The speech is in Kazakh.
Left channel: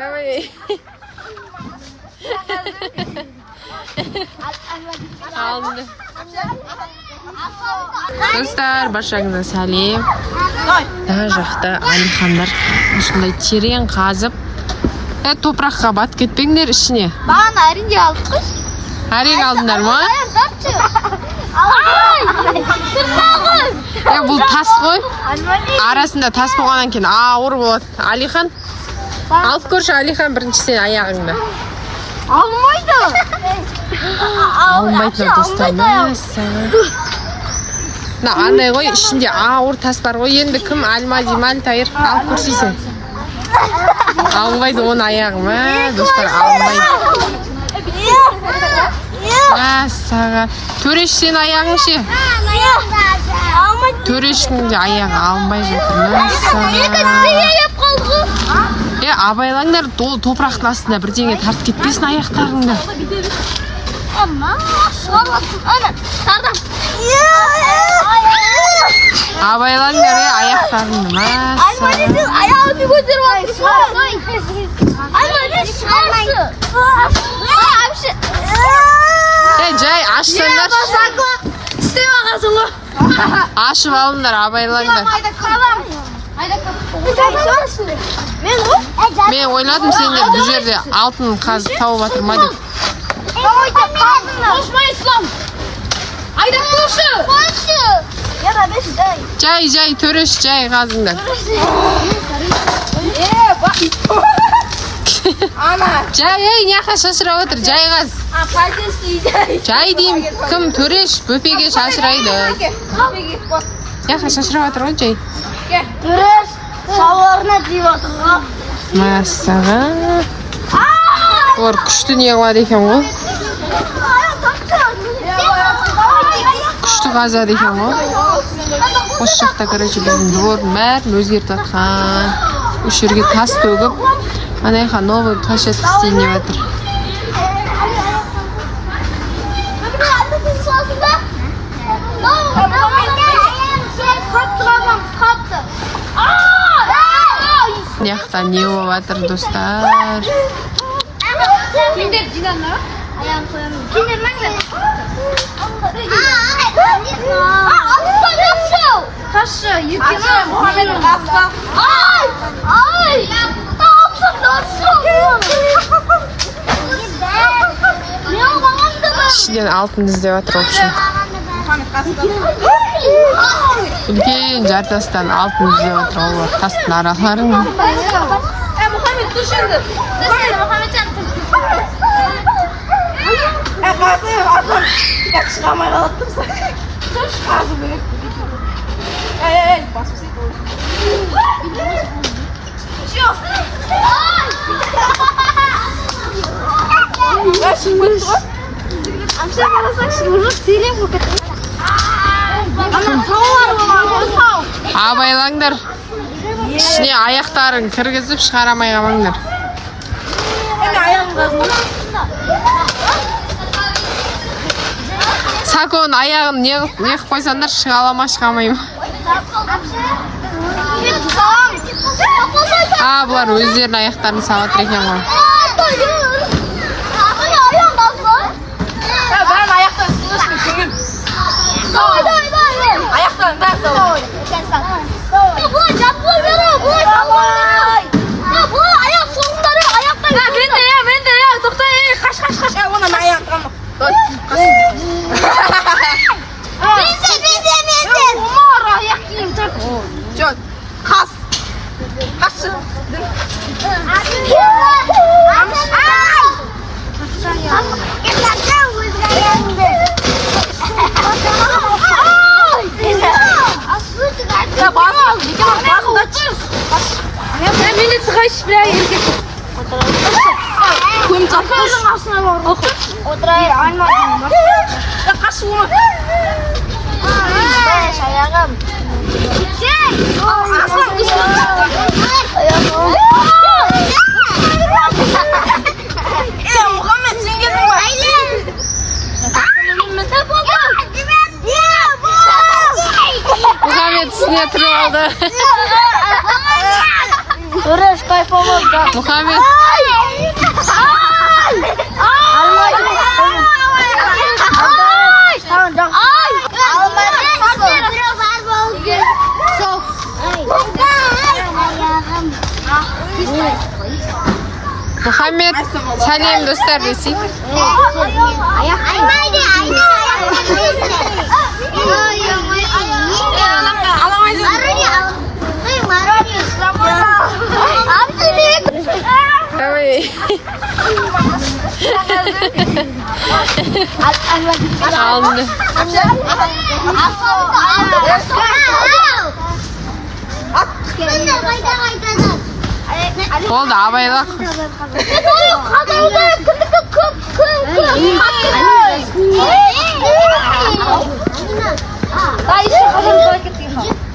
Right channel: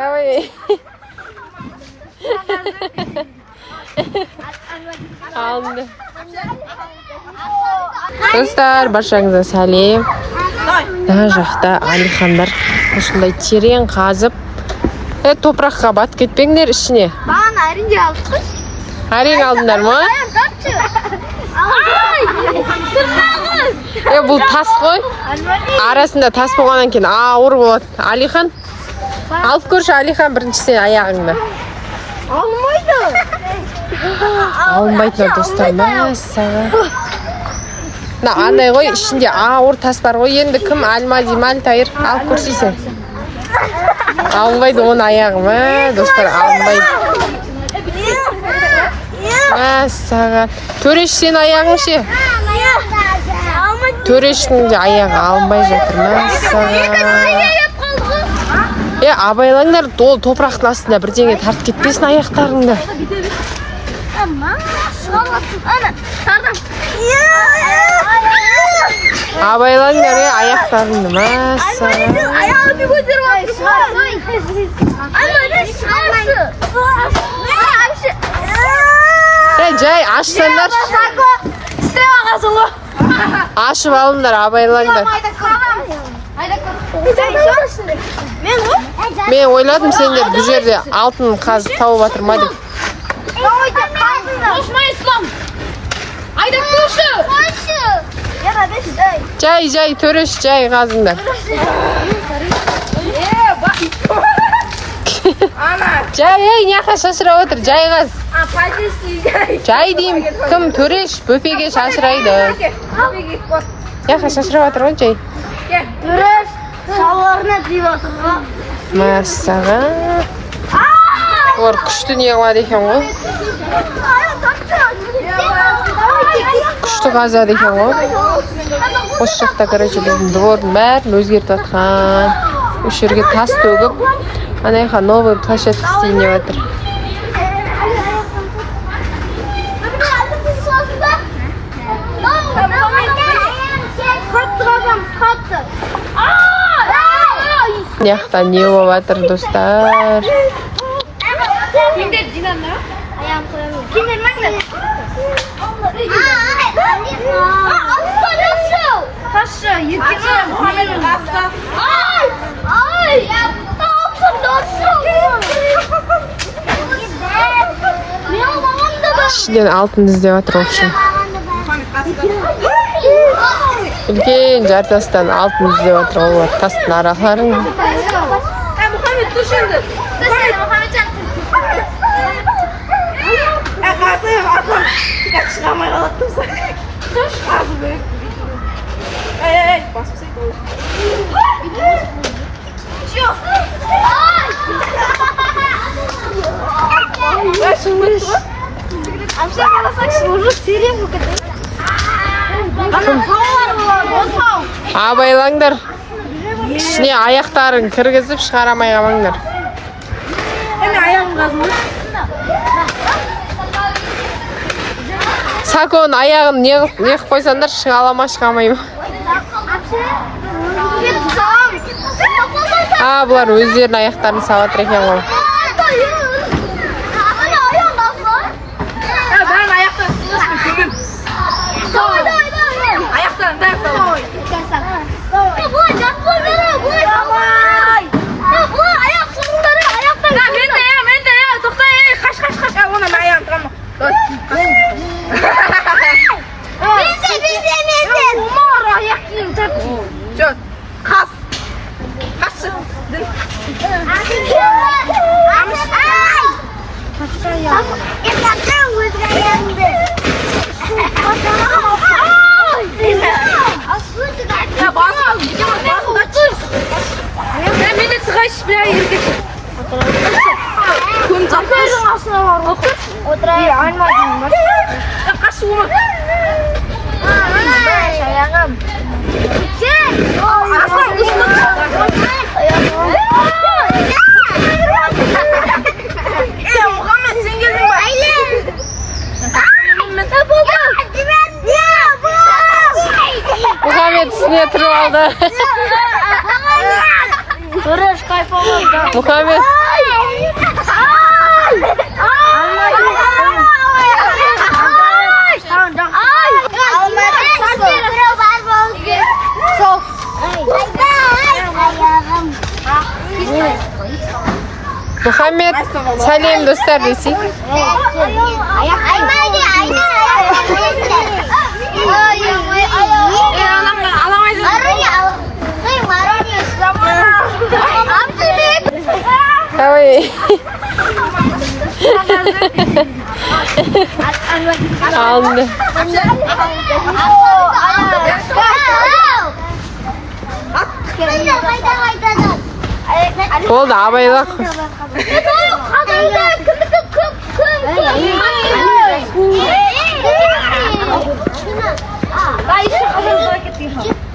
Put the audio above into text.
Давай. Aldı. Dostlar, barшаңызға сәлем. Мына жақта Алихандар осындай терең қазып, топыраққа батып кетпеңдер ішіне. Маған әрине алдық. Әрең алдыңдар ма? Бұл тас қой. Арасында тас болғаннан кейін ауыр болады. Алихан, алып көрші Алихан бірінші сен аяғыңды. Алмайды. Алмайтын достар, мәссаған. Андай ғой, ішінде ауыр тас бар ғой. Енді кім Альмади, Мальтайыр алып көрсейсен. Алмайды оны аяғым, достар, алмайды. Мәссаған. Төреш сен аяғың ше? Төрештің де аяғы алмай жатыр, мәссаған. Абайлаңдар, топырақтың астында бірдеңе тартып кетпесін аяқтарыңды. Абайлаңдар, аяқтарыңды, мәссаған. Аяғымды көтеріп Жай, ашсаңдар. Ашып алыңдар, абайлаңдар. Мен ойладым сендер бұл жерде алтын қазып тауып жатыр ма деп. Жай, Төреш, жай қазыңдар. Жай, неқа шашырап отыр, жай қаз. Жай дейм, кім Төреш бөпеге шашырайды. Неқа шашырап отыр ғой, жай. Төреш шаларына дейіп отыр. Мәссаған. Олар күшті не қылады екен ғой. Күшті қазады екен ғой. Осы жақта, короче, біздің двордың бәрін өзгертіп атқан. Үш жерге тас төгіп, анайқа новый площадка істейін деп жатыр. Яқта не болып жатыр, достар? Кендер жинанна? Аяғым қоямын. Кендер мәңгі? Қашы, екені ішінен алтын іздеп жатыр общем. Үлкен жартастан алтын іздеп жатыр олар тастың араларын. Мұхаммед тұш енді. Мұхаммеджан тұш. Қазір арман тікәк шығамай қалаттым сән. Тұш қазір бөлек. Ай, басып сейді ол. Жоқ. Шыңбет тұр. Амша қаласақ шыңғыр терең бұқыт. Ана тауар болады, тау. Абайлаңдар. Ішіне аяқтарын кіргізіп шығарамай қалмаңдар. Әне аяғым қазында. Саконың аяғын не қып қойсандар шығалама шығамай ма? Бұлар өздерінің аяқтарын сабатыр екен ғой. Бәрін аяқтан сыңышпен көмем. Аяқтан бәрін сабай. Бұлай жатпой бері, бұлай сабай. Бұлай аяқ соңындары, аяқтан көмем. Мен де, тоқтай, қаш. Оны мен аяғын тұрамын. Мен. Умар аяқ кейін тұр. Жоқ, қас. Қашы. Қаша аяқ. Қаша өзгі аяғыңды. Басында тұр. Мен де тұғайшы бір еркек. Көмтапердің асына бар. Отыр. Айнмадың бар. Қашы өмір. Аяғым. Сен! Асан ұшын. Мұхаммед, сен келдің ба? Айлен! Мұхаммед сіне тұрып алды. Төреш кайфа болды. Мухаммед. Мухаммед, салем достар десей. Давай. Aldı. Oldu abayla. 나 이제 가슴 더 했겠지.